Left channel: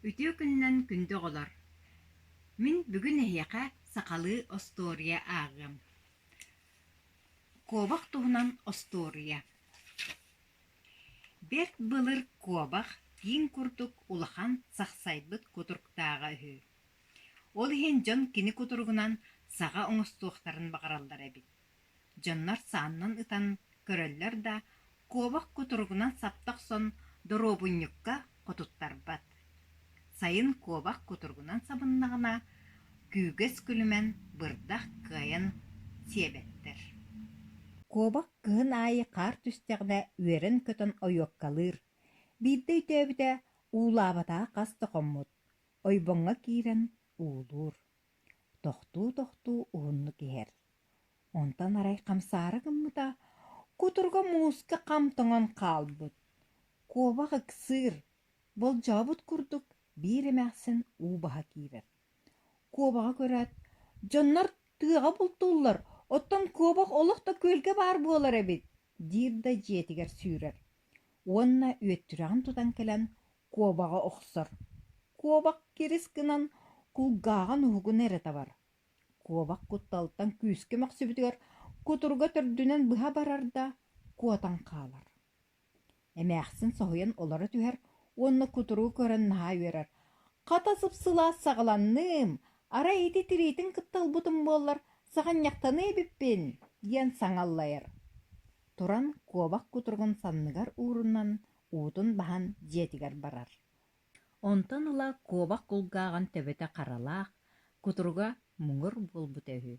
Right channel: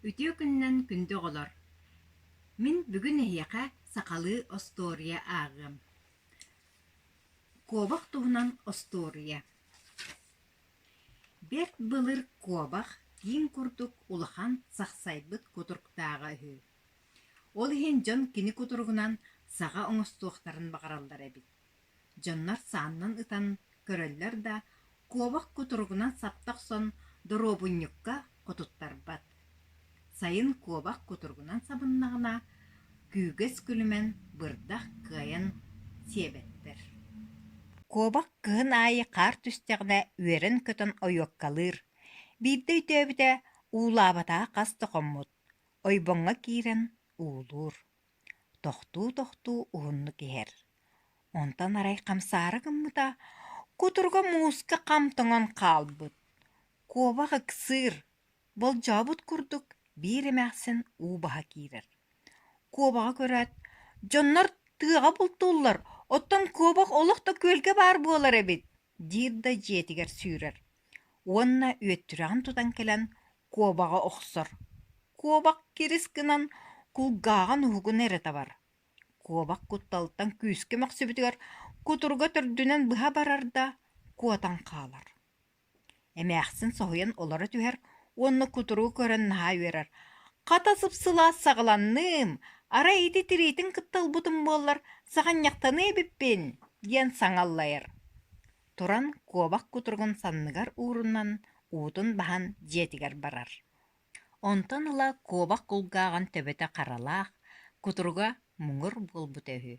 Ütüö күннен күндө олар. Мин бүгүн эйяка сакалы остория агым. Кобах туһунан остория. Берт былыр кобах тиин курдук улахан сахсайбыт кутурктаага үһү. Ол иһин жон кини кутургунан саға оңостуохтарын бақаралдар эбит. Дьоннар сааннан ытан көрөллөр да кобах кутургунан саптақ сон доробуньюкка котуттарбат. Сайын кобах кутургунан сабыннағына күүгэс күлімен бырдах кыайан сиэбэттер. Кобах кыһын аайы қар түстեղіне үерен көтөн ойуоккалыр. Биирдэ үтөөбүтэ уулаабатаа қас тоқоммут. Ойбоңға киирен уулуур. Тохтуу уунну киһэр. Онтан арай камсаары гыммыта кутурга мууска камтоңон каалбыт. Кобах ыксыыр. Бол жабыт курдук бииремээхсин уубаха киирер. Кобаға көрөт. Дьоннор тыаға бултууллар. Оттон кобах олохто көлге бар буолар эбит. Диирда жиэтигер сүүрер. Уонна үөттүрэҕин тутан келен кобаға охсор. Кобах кирис гынан кулгааҕан уһугун эрэ бар. Кобах кутталтан күүскэ махсыбытыгар кутурга төрдүнэн быһа барарда куотан хаалар. Эмээхсин соһуйан олора түһэр уонна кутуру көрөн наһаа үерер. Ката сыпсылаа сагаланным, ара ити тириитин кытталбытым буоллар саҕаньахтаны эбиппин диэн саҥаллайар. Туран кобах кутургун санныгар уурунан уутун баһан дьиэтигэр барар. Онтон ыла кобах кулгааҕан төбөтө харалаах, кутурга муҥур буолбут өһү.